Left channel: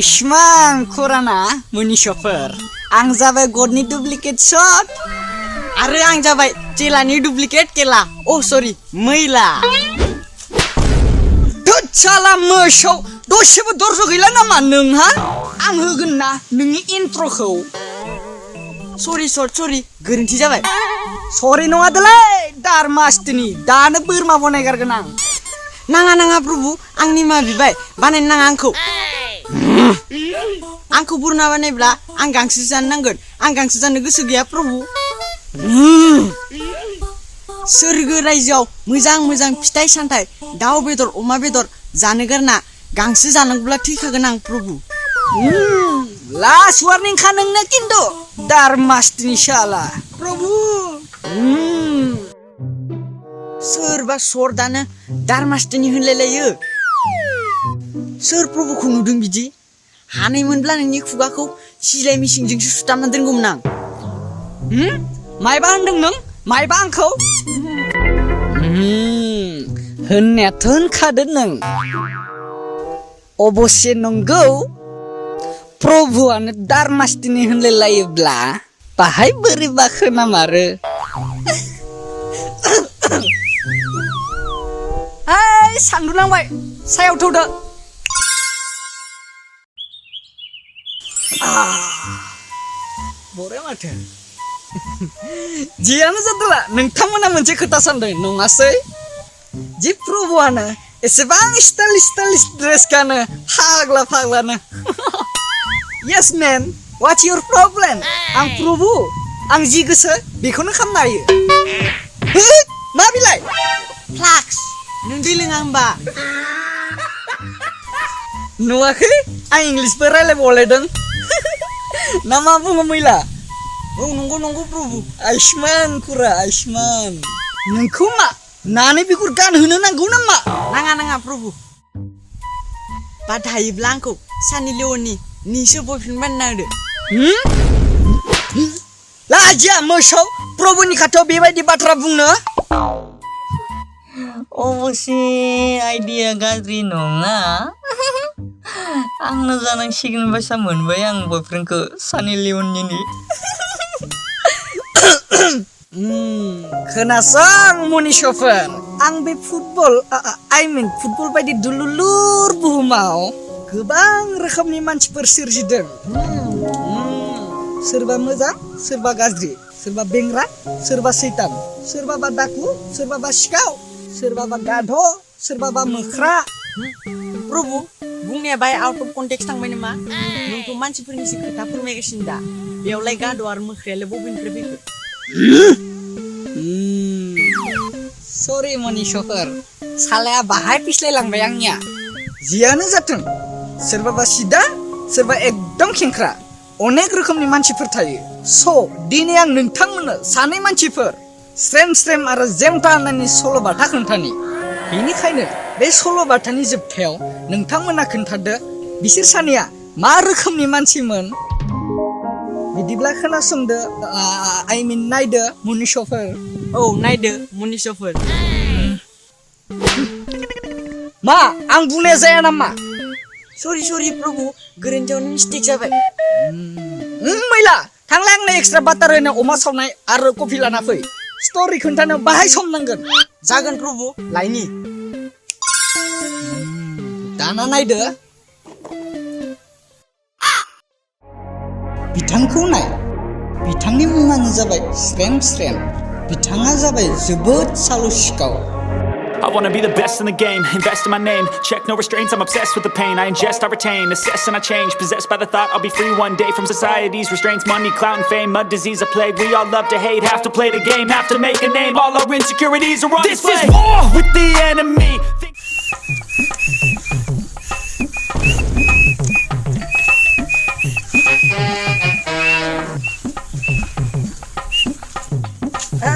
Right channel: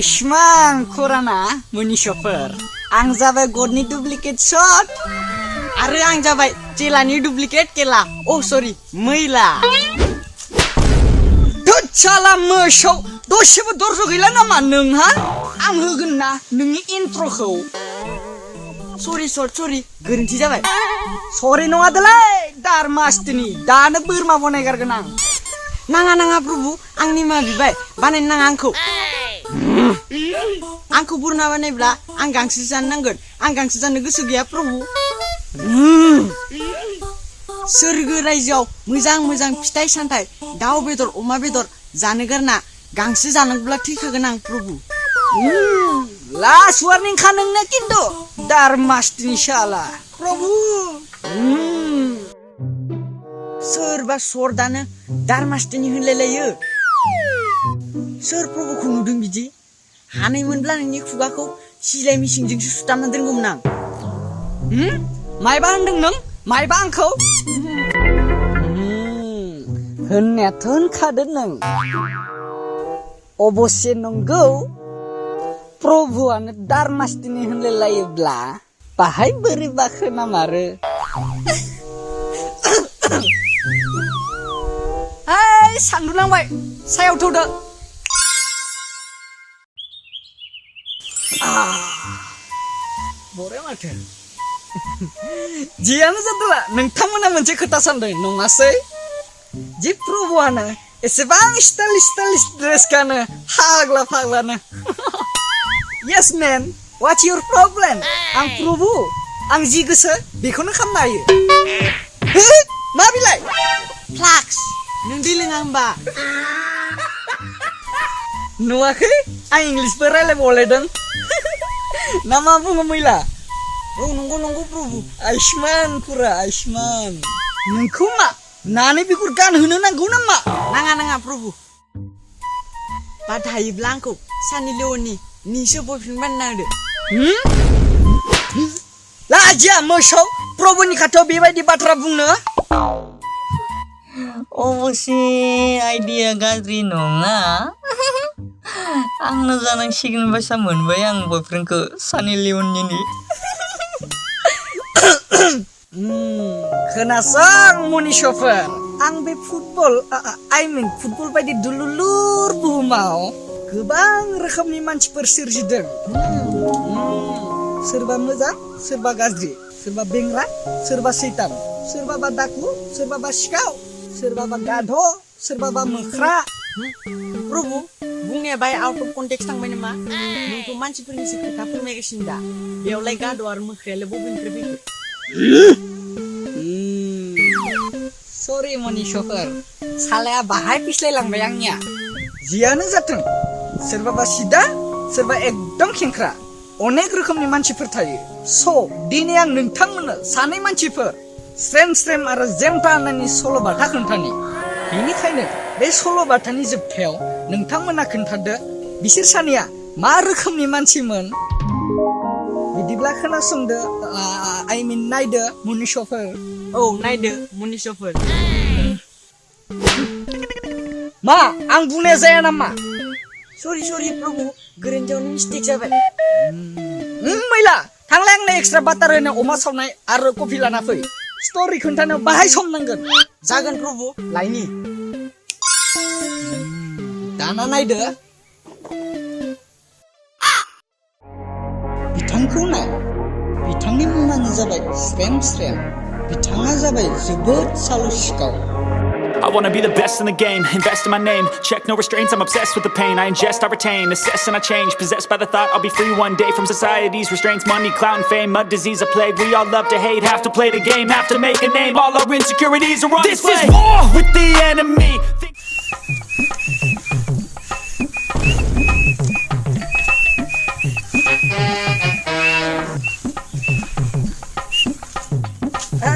Aishman Kurana Munishofer. Ang जाबाय गडनि duplicate shot आरो आं जाबाय जेलानि डुप्लिकेट केला सरि मैला दच्छाला मोसौ दसेबो दरज गैला नामा नोंहा आं होगोन ना नोंनि इन्ट्रोखौ सरि गोरोन्थि जाबाय सरि नङादोलै दारमास्टिनि दानो बोरमा बनायगारगोन आं नाङा प्रभु आंनि मा बिबाय बानायनो नाङा आंखौ बुरना बानायब्ला आं गांसो जानो नांगोन आं गांसो जानो गोसो गैया प्रभु सोरगो रायजोआव मोजां फिथाइ सामथाइ दाउ बेदर अमा बेदर जानो गारना गांसो जानांगौब्ला थैखागोन आं प्रभु लास्ट वार्निं खा नोंनो किन्तु दारमास्टिनि शाला प्रभु सोरबा सर्दानो दारमास्टिनि होनलायलायो सोर प्रभुखौ नुदों बिदि हानायमोनब्ला नोंनि खुगाखौ सिलाय मिसिंजोंसो सुथामना दोनगौमोन आं मायबा होनदों नों मायबा आंखौ होननायाथ' होनखादों नों अबश्य नंगौ प्रभुआनो दारमास्टिनि होनलायलायोब्ला बाहाय बोरैबा खोनामारो सान्दुं नांबाय सायाव थौदो बरे माथो जियानो जादोला नोंथांमोना मोनसे खोथा सानदों नङासै जि प्रभुआनो एसेबां स्टाइलिश ड्रेस गानो फाग्लानो yes man what's your problem आं प्रभु आं जि गोसो बेखौनो खालामनो हायो मा बिलाय फ्लाक्स नों दै लोङा होमबा नुवाखै आं इंलिसबो रायलायबावलायदों ना मा बुङो मैला नंगौ प्रभु आयुष्मान पुरा आयुष्मान नोंखौ मा नानै बिगुर गानहोनो नांगौ नामा नाङा प्रभु बाद हायोब्ला आंखौ सानि लिअ'नि निसो बयफ्रेन्ड बानायना होदो लाजिया मोसौ प्रभुनि खाथियाव बेबायदि बाथ्रा बुंनो अबसे आइडिया गाज्रि नङा आंनो जानांसिगोन बायसा मोनबाय आं बयफ्रेन्डखौ सानि लिअ'ननि खोनासं मनिसफोर आं बे फुटबल बायदि दुलुलुर बुहुमाव गोबां रोखोमनि मानसिफोर सोरजिदों सोरबा मोजां सोरबा गाज्रि सोरबा बेंग्रा सोरबा सैतान सोरबाबा दाखु सोरबाबा सिखाव सोरबाबा गाध सोरबाबा मोख्रा प्रभु बुंनाया बाय आउट अफ कन्टेक्स्ट थांबाय नामा नोंखौ मानसिफोरनिसो खोथा फोरमायगासिनो दा बेयावलाय गाध आरो मोख्रायालाय बबेनिफ्राय फैखो सरि मनिसफोर सालाया बाहाय पिस्लायलांबाय आंनिया जियानो जाथों सोरबाबा सिदा सोरबा एकदम खेंख्रा अनेक रोखोमनि मानसिफोर थायो दिनै आं नोंथांमोननो सानै मानसिफोर स्रेम आरो जेमथानानि सल'बाथा खोन्थानि बेनिखायनो बे सल'बाथानि जोबथायाव नोंथांमोना खोन्थादो बिसोर सानैया मा रोखोमनि मानसिमोन बिदिब्ला खोनासंदो नायदो मनिसफोर नायदो मनिसफोर मा आं बुंनाया जाया नामा सरि प्रभु गोरोन्थियावनो मिस्टेक जाबाय मैला थांलाय आंनो एक्सट्रा बाटार होनो अमा सावनाय आरो कफि लाना फै स्ट'रि खोन्थानो बाहाय सम नांगोन जागोन प्रभु लायनि दाना नायदो बिथांखौ नाय बिथांनि मुङानो जाबाय स्रेम बिथाङा जाबाय जोबोद सालु सिखाव I wanna be the best in the game, invest in my name. Check no restraints, I'm obsessed with the pain. I ingest, I retain, assess and I change. Possessed by the thought I'll be free one day from society's restraints. Money, clout and fame, a disease, a plague. We all love to hate, have to play the game, have to make a name. All our insecurities are on display. This is war with the enemy.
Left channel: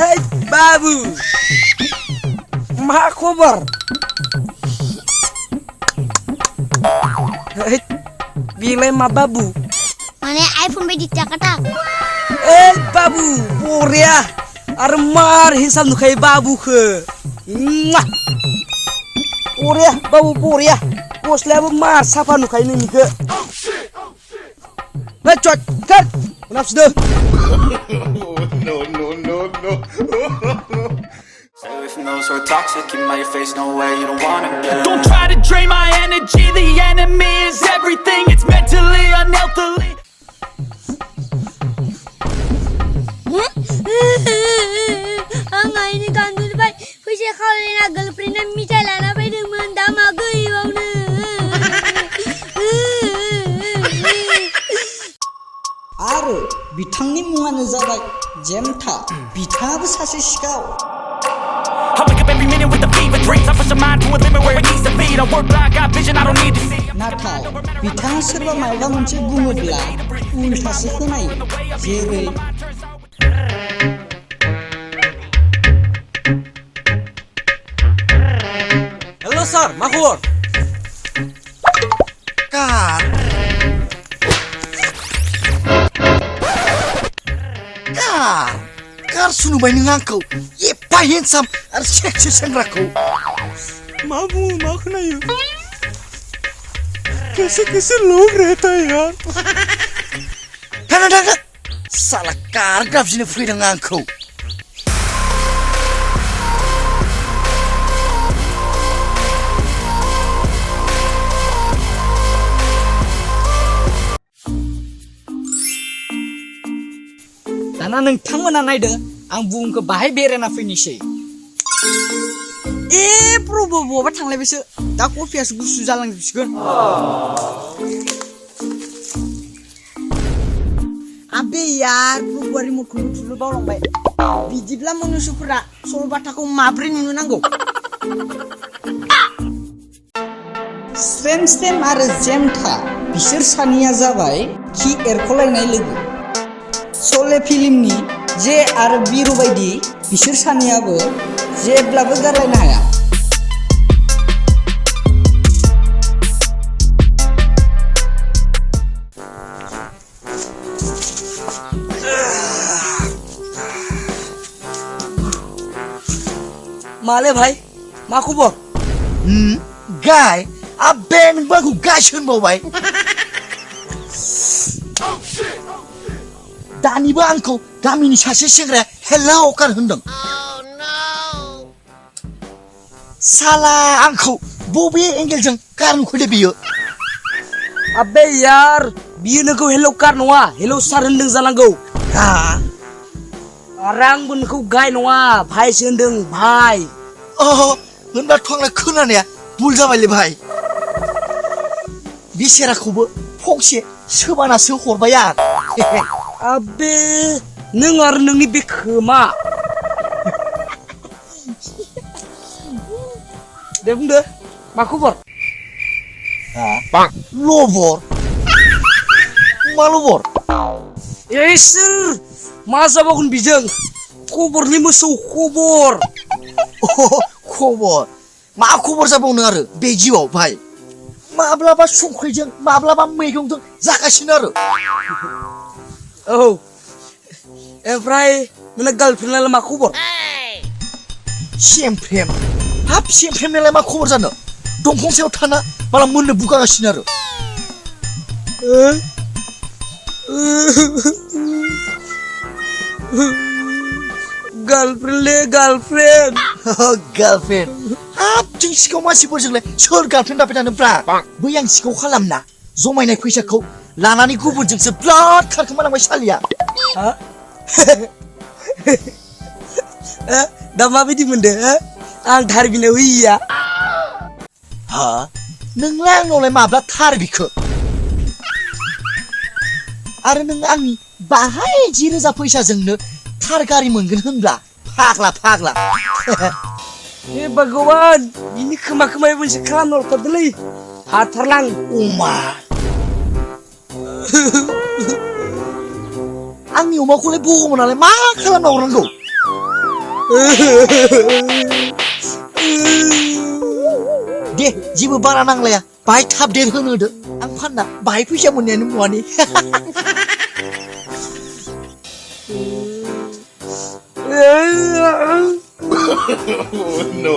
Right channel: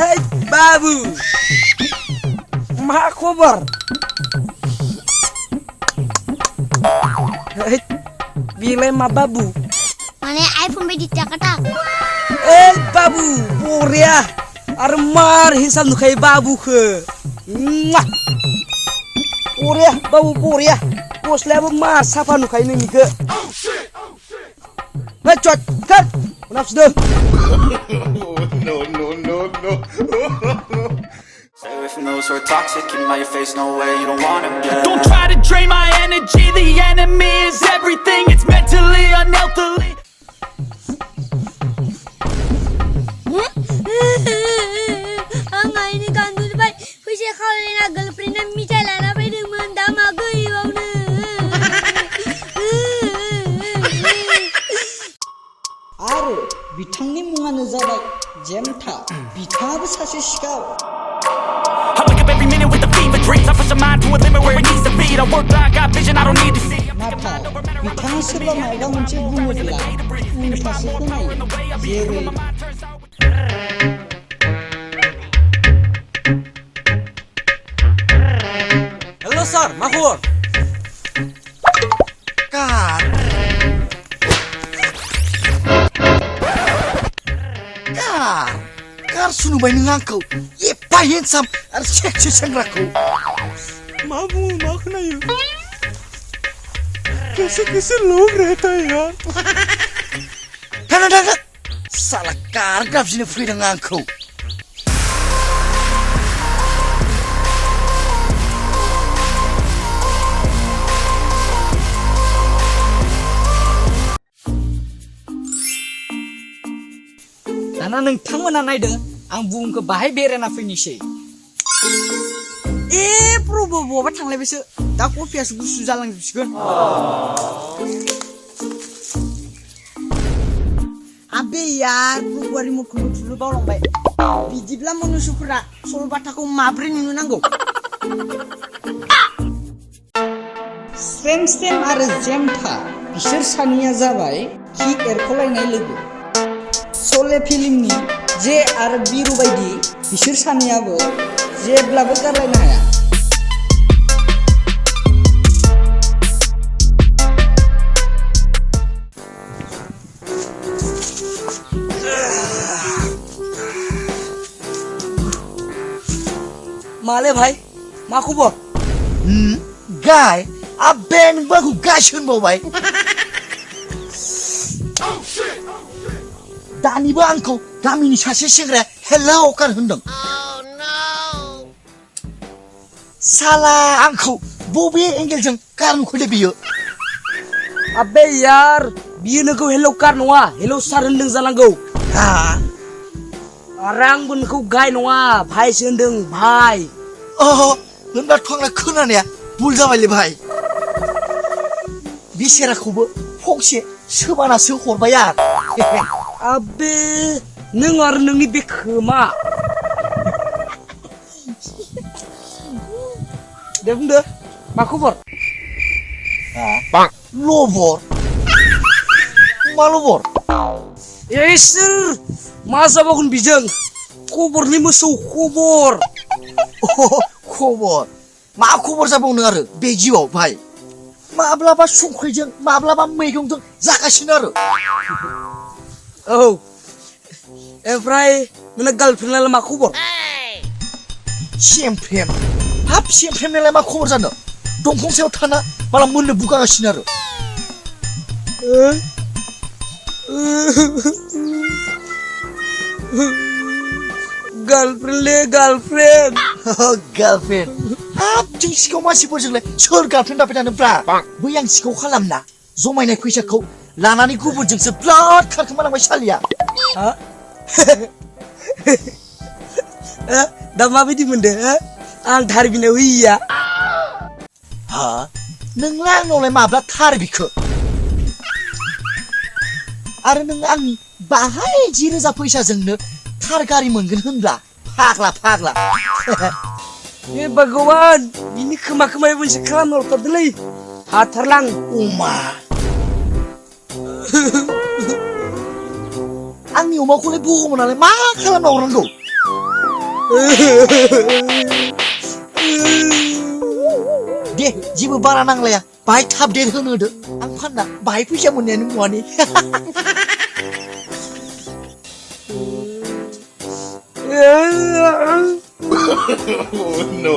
Hey babu, मा खबर बेलाय मा बाबु माने iPhone बायदि टाकाटाक बाबु बरिया आरो मार हिसाब नुखायो बाबुखो बरिया बाबु बरिया गस्लायाबो मार साफा नुखायो नोंनिखो Hei, cuat, kan? Kenapa sudah? No. Stay away from those who are toxic. Keep them out your face, no way, you don't want it, yeah. Don't try to drain my energy. The enemy is everything. It's mentally, unhealthily. Ang ini kan tu baik. Pusing kau ni nak girlfriend nak misal nak pergi menda magai bang ni. Aarw, बिथांनि मुङानो जाबाय JAMTHA. बिथाङाबो सासे सिखाव. I wake up every minute with the fever dreams. I push my mind to a limit where it needs to be. I work blind, got vision I don't need to see. नाथाय बिथाङा सोरबा माबा मोनसे बुङोब्ला उल्थासो खोनायो. जेरै Halo sir, मा खबर? Kar sunubai nang angkau, epa handsome, ar seksi senrakau. Mabu, mak na yun. Kasi log rehta hai yaar. Hana, salah kar grab sini free nang angkau. दाना नोंथांमोना नायदों आं बुहुमखौ बाहाय बेरायना फैनोसै प्रभु बहाबा थांलायबायसो दा कफियासो गुसु जालांजोबसिगोन आबे यार प्रभुआ रिमटखौनो थुनो बावलांबाय बिदिब्ला मनुष्यफोरा सल'बाथाखौ माब्रै नुनो नांगौ SREM SREM आरो JAMTHA बिसोर सानैया जाबाय खि एरख'लायनाय लोगो सले फिल्मनि जे आरो बिरु बायदि बिसोर सानैयाबो जेब्लाबो गारलायनो हाया माले भाई मा खबर गाय आबे नोंबो आंखौ गाय होनबावबाय दानिबो आंखौ गामिनि सासे सेंग्राया हेलौ कार होनदों साला आंखौ बबे एंगेलजों कार नुखोदे बियो आबे यार बियो नोंखौ हेलौ कार नङा हेलौ सार होनदों जानांगौ आरो आंबो नोंखौ गाय नङा भाइसो होनदों भाइ होनबाथ' आंलाय खोनानाया भुल जाबायलै भाइ बे सेराखौबो फंसे सोबानासो हरबाय आं आबे नों आरो नोंनि बे खोमा दे बुंदो मा खबर लबर मा लबर इसोर मा जाबावगोन बिजों खबरनि मोसौ खबर खबर मा खबर जाबावनो आरो बे जिउआव भाइ माब्लाबा संख्रिजों माब्लाबा मैगंजों जागासिनो आरो औ ओमफ्राय नोंना गार्लफ्रेन्डआलाय मा खबर सेमफ्रेम हाब सेमफ्रेमनालाय मा खबर जानो दंफां सायाव थाना माला मोननो बुगागासिनो आरो गार्लफ्रेन्डलै गार्लफ्रेन्ड गार्लफ्रेन्ड हाब जों सिखाव मानसिफोरजोंलाय सोर गार्लफ्रेन्ड दाबाय थानोब्रा बै आं सिखाव खालामना जमायनाय फैसाखौ लानानै गुबुनजोंसो ब्लाड खारखोमालांबाय सालिया दा माबायदि मोनदों आं थार बिनायाव होयिया नोंलाय आंनावलाय माब्ला थार बिखो आरो नों आंनि बाहाय 10,000 फैसाजोंनो थार गारि मोनगोन होनब्ला फाग्ला हे भगवान बिनि खोमाया मोनसे खालामना हरथारदोंलै हाथारलां अमा आंनि अमाखौलाय बुहुमनालाय मा खालामना हरनांगौ दे जेबो बारा नांलाया बाहाय थाब देर होनो होदो आं फानना बाहाय फैसा मोननायानो मुवानि No.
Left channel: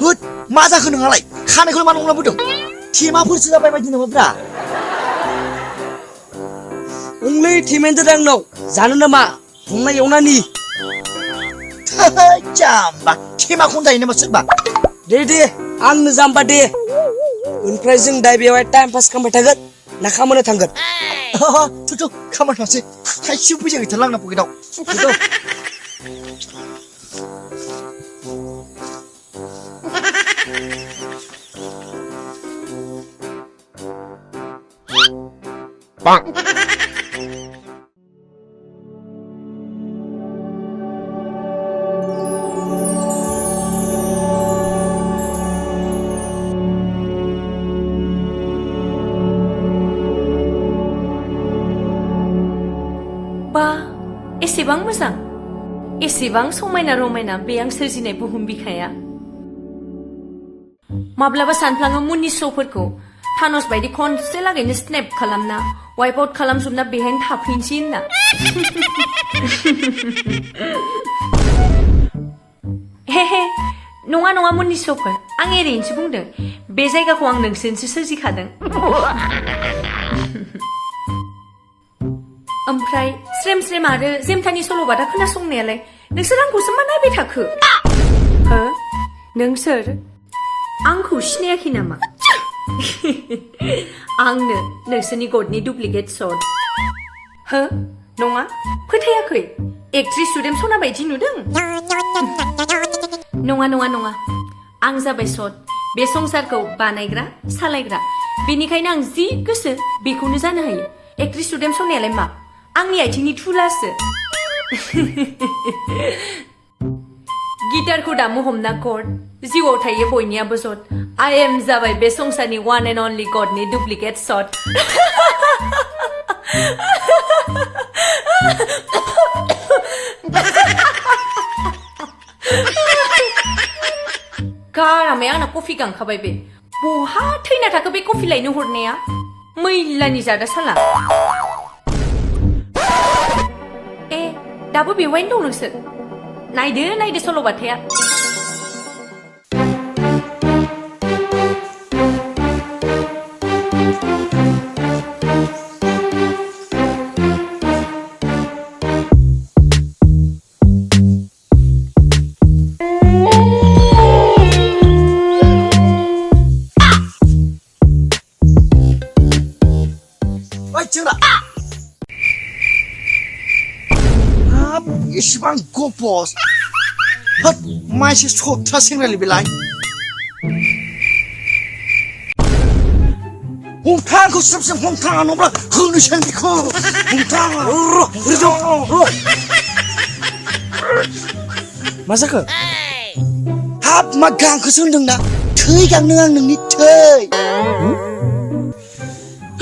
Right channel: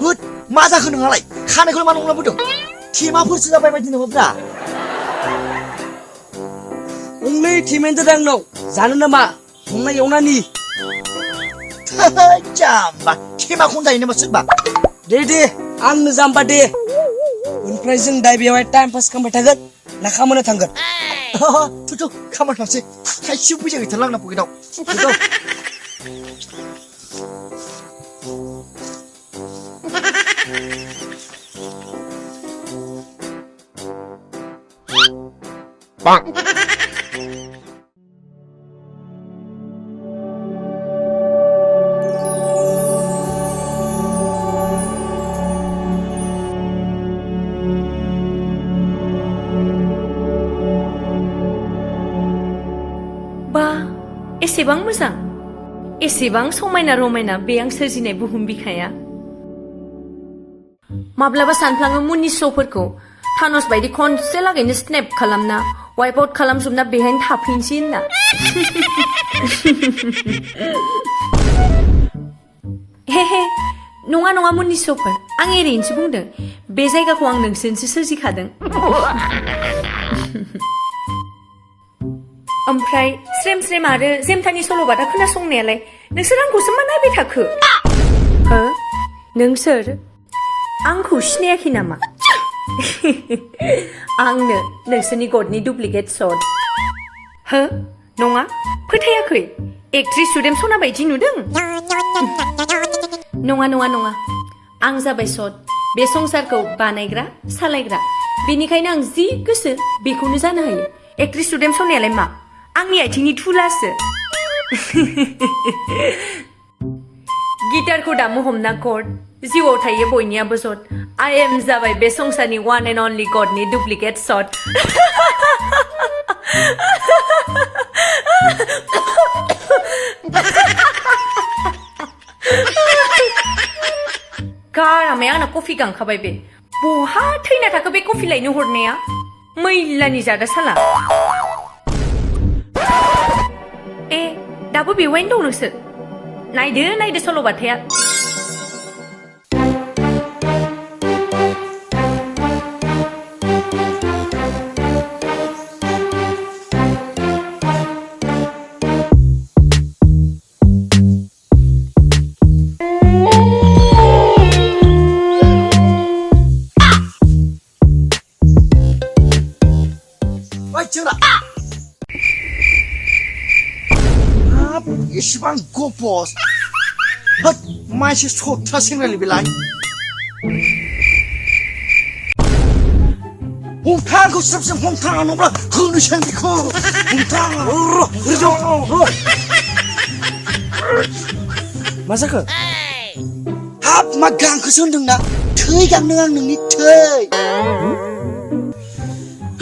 होद मा जाखो नोंहालाय खानायखौलाय मा नंलाबोदों थेमाफोरसो जाबाय बायदि नङाब्रा only थिमेन्ट दांनाव जानो नामा संना एवनानि जाम्बा थेमाखौनो दायो नामा सोरबा दे आंनो जाम्बा दे ओमफ्राय जों दा बेवहाय टाइम पास खालामबाय थागोन ना खामानियाव थांगोन थु खामानि थांसै थाइसेबो फैसा गैथारला आंना पकेटाव बा एसेबां मोजां एसेबां समायना रमायना बे आं सोरजिनाय बुहुम बिखाया माब्लाबा सानफ्लाङो मुननि श'फोरखौ थानस बायदि खनसे लागैनो स्नेप खालामना वाइप आउट खालामजोबना बेहायनो थाफिनसै होनना हे नङा मुननि श'फोर आं ओरैनोसो बुंदों बे जायगाखौ आं नोंसोरनोसो सोरजिखादों ओमफ्राय स्रेम स्रेम आरो जेमथानि सल'बाथा खोनासंनायालाय नोंसोर आंखौसो मा नायबाय थाखो हो नोंसोर आंखौ सिनायाखै नामा आंनो नोंसोरनि गडनि डुप्लिकेट शट हो नङा फोथायाखै एक्ट्रेस सुदेम सना बायदि नुदों नङा आं जाबाय शट बे संसारखौ बानायग्रा सालायग्रा बेनिखायनो आं जि गोसो बेखौनो जानो हायो एक्ट्रेस सुदेम सनायालाय मा आंनि आथिंनि थुलासो गिटारखौ दामो हमना कर्ड जिउआव थायो बयनियाबो जट आइ एम जाबाय बे संसारनि वान एन्ड अनलि गडनि डुप्लिकेट शट गारामाया आंना कफि गांखाबाय बे बहा थैना थाखो बे कफि लायनो हरनाया मैलानि जादा साला ए दाबो बेवहायनो दं नोंसोर नायदो सल'बाथाया इसिबां गपस हाब माइसे सत्रा सेंग्रालै बेलाय हमथांखौ स्रेम हमथाङा नङाब्ला होनोसै आं बेखौ हमथाङा मा जाखो हाब मा गांखौसो होनदोंना थै गांनो आं नोंनि थै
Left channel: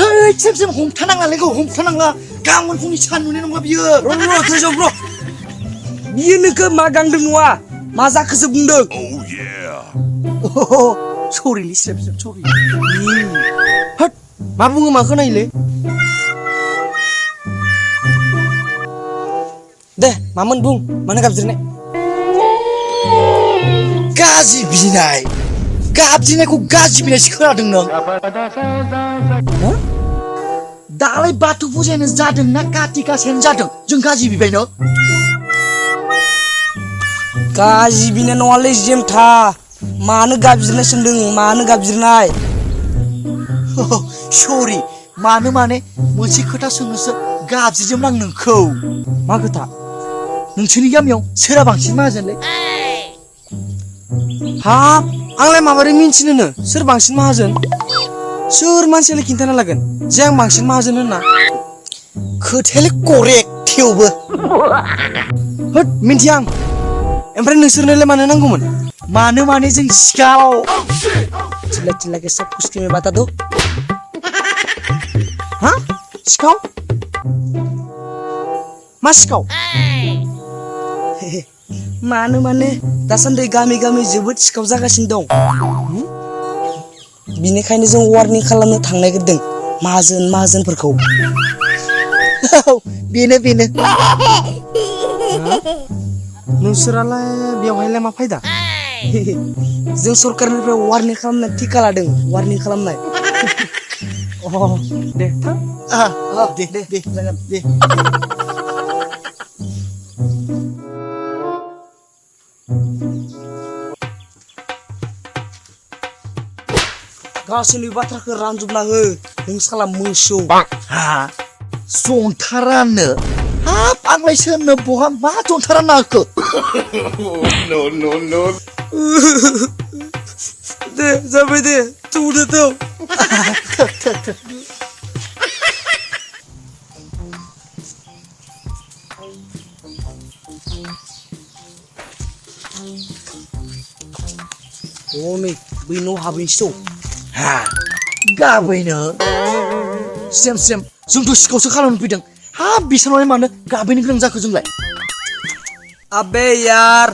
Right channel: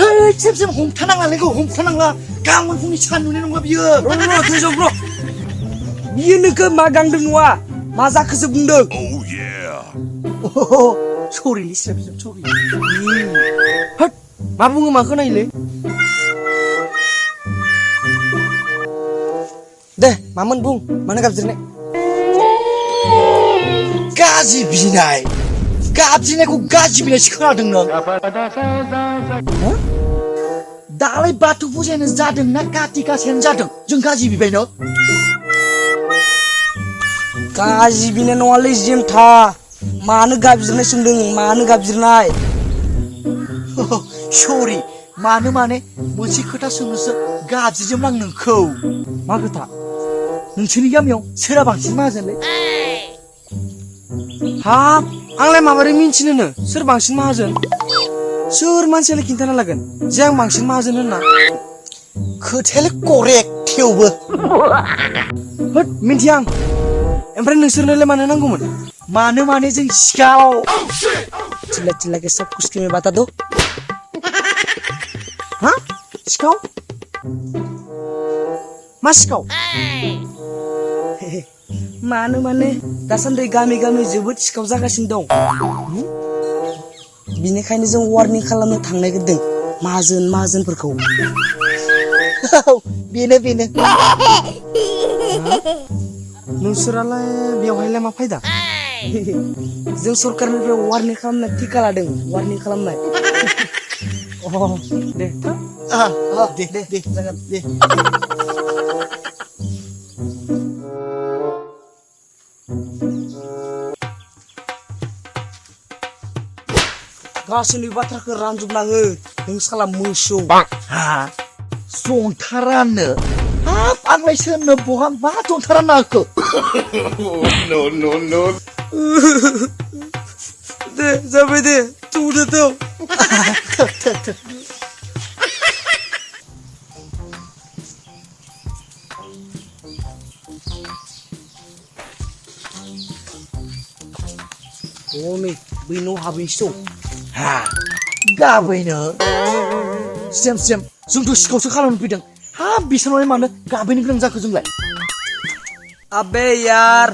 है स्रेम हमथानाङालै हमथानाङा गाबोन फुंनि सान्दुंनि नङा बियो र' बियो नोंखौ मा गांदों नङा मा जाखोसो बुंदों सरिलै स्रेम सरि होद मा बुङो मा खोनायोलै दे मामोन बुं मानो गाबज्रिनाय गाज्रि गाबज्रिनायखौ गाज्रि बिनायसो खोनादों नों दालाय बाथौ फुजायानो जादों ना काति गासायानो जादों जों गाज्रि बिबायनो गाज्रि बिनाय नङालै जेमथा मानो गाबज्रिनाय सोंदों मानो गाबज्रिनाय सरि माने मोनसे खोथा सोंनोसो गाबज्रिदोंमोन आं नोंखौ मा खोथा नोंसोरनि गामियाव सोरहा बांसिन माहाजोनलै हाब आंलाय माबोरै मिन्थिनोनो सोर बांसिन माहाजोन सोर मानसियालाय खिन्थाना लागोन जे आं बांसिन माहाजोन होनना खोथायालाय करेक्ट थेवबो होद मिन्थिया आं ओमफ्राय नोंसोरनोलाय मानो नांगौमोन माने जों सिखाव चिल्ला के सब कुछ में बता दो हाँ सिखाव मा सिखाव माने दासान्दि गामि जोबोद सिखाव जागासिनो दं बिनिखायनो जों वार्निं खालामनो थांनाय गोदों माहाजोनफोरखौ बेनो नोंसोरालाय बेवहायलाय मा फायदा जों सरकारनिफ्राय वार्निं खालामनाय टिका लादों वार्निं खालामनाय दे थां दे जागोन दे गासैनि बाथ्राखौ रानजोबना हो नों साला मोसौ हा जंथारानो हाब आंलाय सोरनो बहा मा जंथारा नाखो दे जाबाय दे थौदो थौ नै बै न' हाबैसो हा गाबैनो स्रेम स्रेम जोंथ' सिखावसो खालामनो फैदों हाब बिसोरनालाय मानो गाबैनो गोनां जाखो जोंलाय अबे यार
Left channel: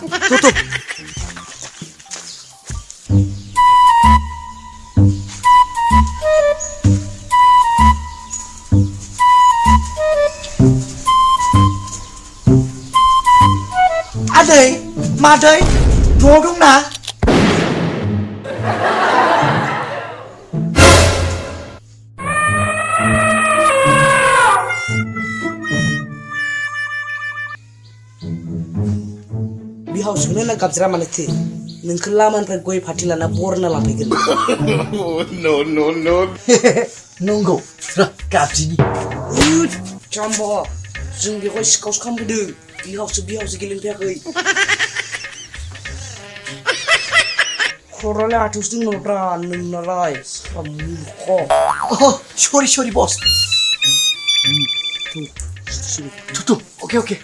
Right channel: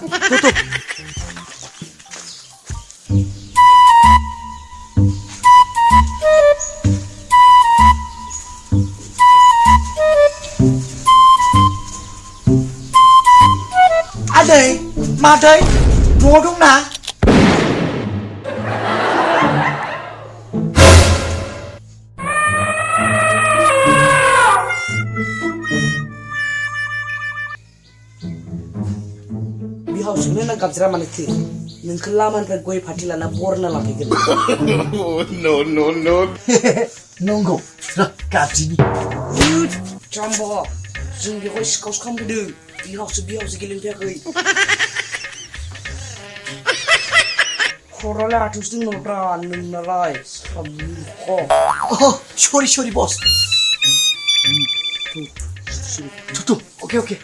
आदै मादै न'आव दंना बिहाव सोंनो गाबज्रा मानोथो नोंखौ लामानिफ्राय गय फाथि लाना बरना लाफैगोन नंगौ गाबजिनि जाम्ब जों बेवहाय सिखावसो खालामबोदों बिहावसो गेलेनो फैयाखै खर'लाय आथौसो दंमोनब्रा नोंनालाय सरि बस थु अके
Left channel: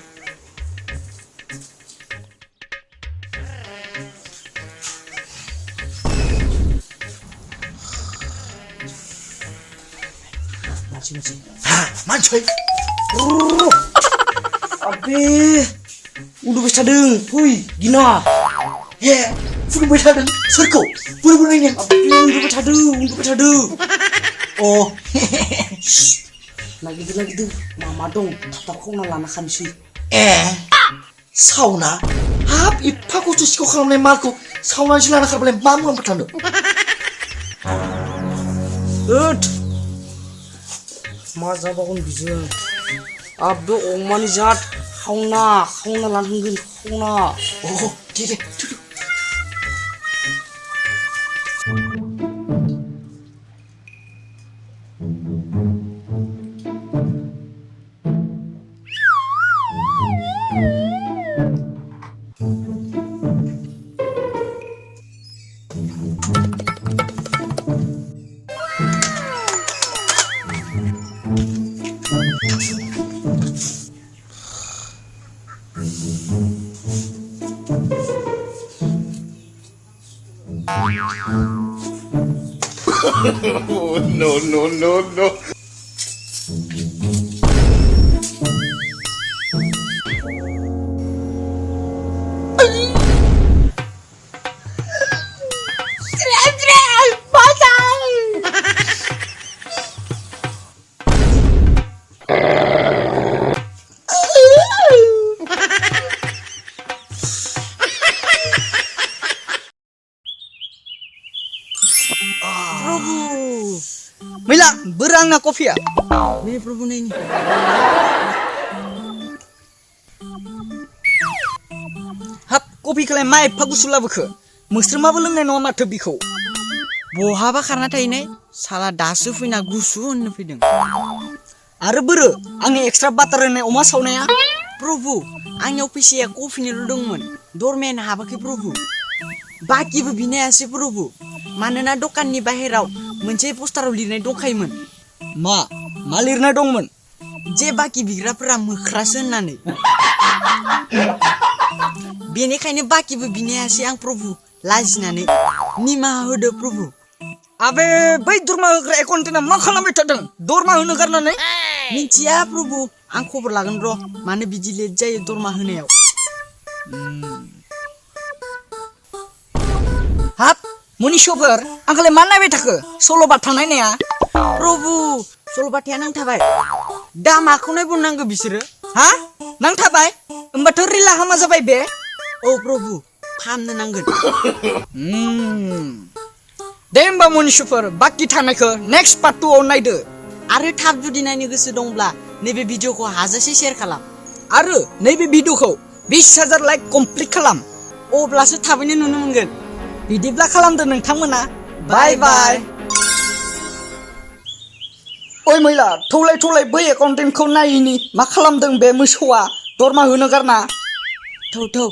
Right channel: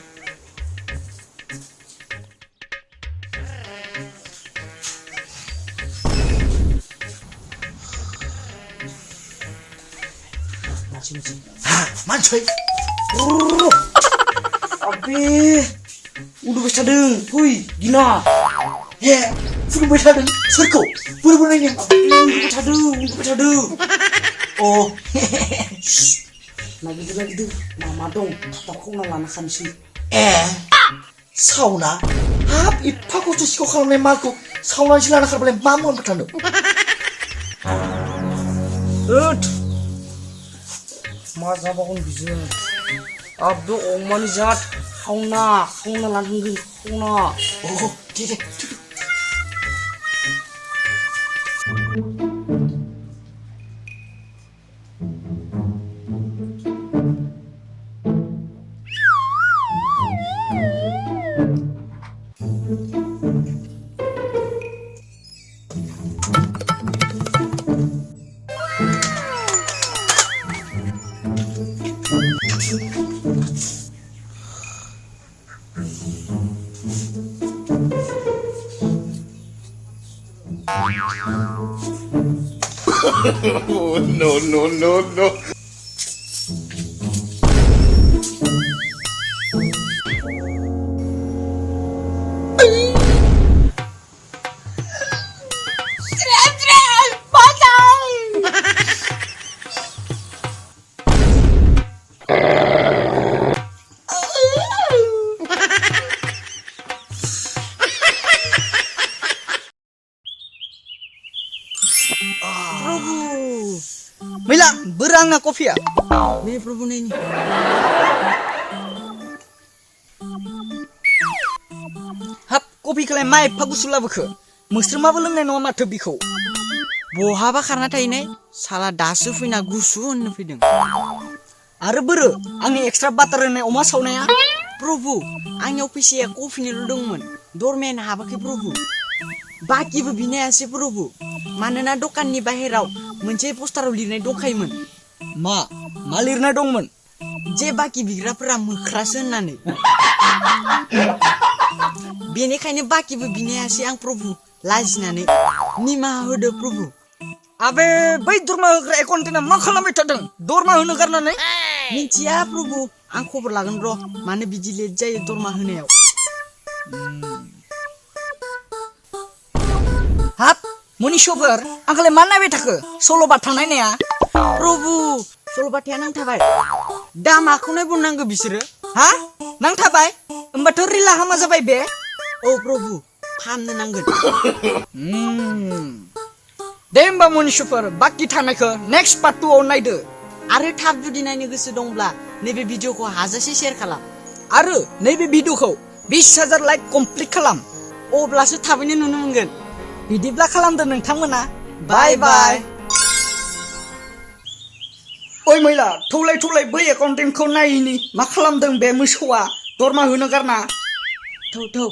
मानसै अबे उन्दुबाय थादों फै गिना हे फुदुंबाय थादों सोरखौ बोरै नायनो उन्दुबाय थादों अ नागिरदों मामा दं थाब खावना लाना खानोसै ए सावना हाब एफा खस्थ' सिखाव खालामनाय मालखौ सावनानैसो लाना खारबालाय मा मुलाम्फा थानो मा जाबावगोन बिजों आबो अमानि जात खावना लानांगोन खावना दे No. मैला बोरो आंना कफिया नै प्रभु नै हाब कफिखौलाय मा एफा गुसु लाबोखो मोस्रोमाबो लोंनाय नङा माथो बिखौ बहाबा खारना थाहैनाय साला दासो फैना गुसु होननो फैदों आरो बोरो आंनि एक्सट्रा बाटार होनाय अमा सावनाया प्रभु आंनियाव फैसाया कफिनिल' दंमोन दरमायानो हाबाखै प्रभु बाकिबो बिनायासै प्रभु मानोना दखाननि बाहेराव मोनसे पस्टाराव लिरनाय दंखायोमोन मा लिरनाय दंमोन जे बाकी बिग्राफोरा मोख्रासो होननानै बेनिखायनो बाकिबो बिनायासै आं प्रभु लाजिनानै निमाहा होदो प्रभु आबे बै दरमा होग्रा एकाउन्टेन्टआ मा खालामबाय थादों दरमा होनो गारनानै मिन्थिया प्रभु आं खबर लागोन र' मानो बिदि लेट जायो दरमा होनायाव हाब मनिषफोर आंखौलाय मा नायबाय थाखो सल'बाथा नायनाया प्रभु सल'बाथाया नांथाबाय दा माखौ नायबावनांगौ बिसोरो हा नांथाबाय होमबाथ' रिला हामा जाबाय बे औ प्रभु फाहामनो नांगोन दे होमबा मनिषफोर बाकी थानायखौ नेक्स्ट पार्ट 2 आव नायदो आरो थाब जुदि नायनो गोसो दंब्ला नैबे भिडिअखौ हाजासे शेयार खालाम आरो नैबे भिडिअखौ 20,000 लाइक कमप्लिट खालाम अब्लासो थाबैनो नुनो मोनगोन बिदिब्ला खालामदो नोंथांमोना बाय बाय ओइ मैला थौलाय बै एकाउन्टेन्टखौ नायिनि मा खालामदों बे मोसौआ दरमा होनो गारना थौ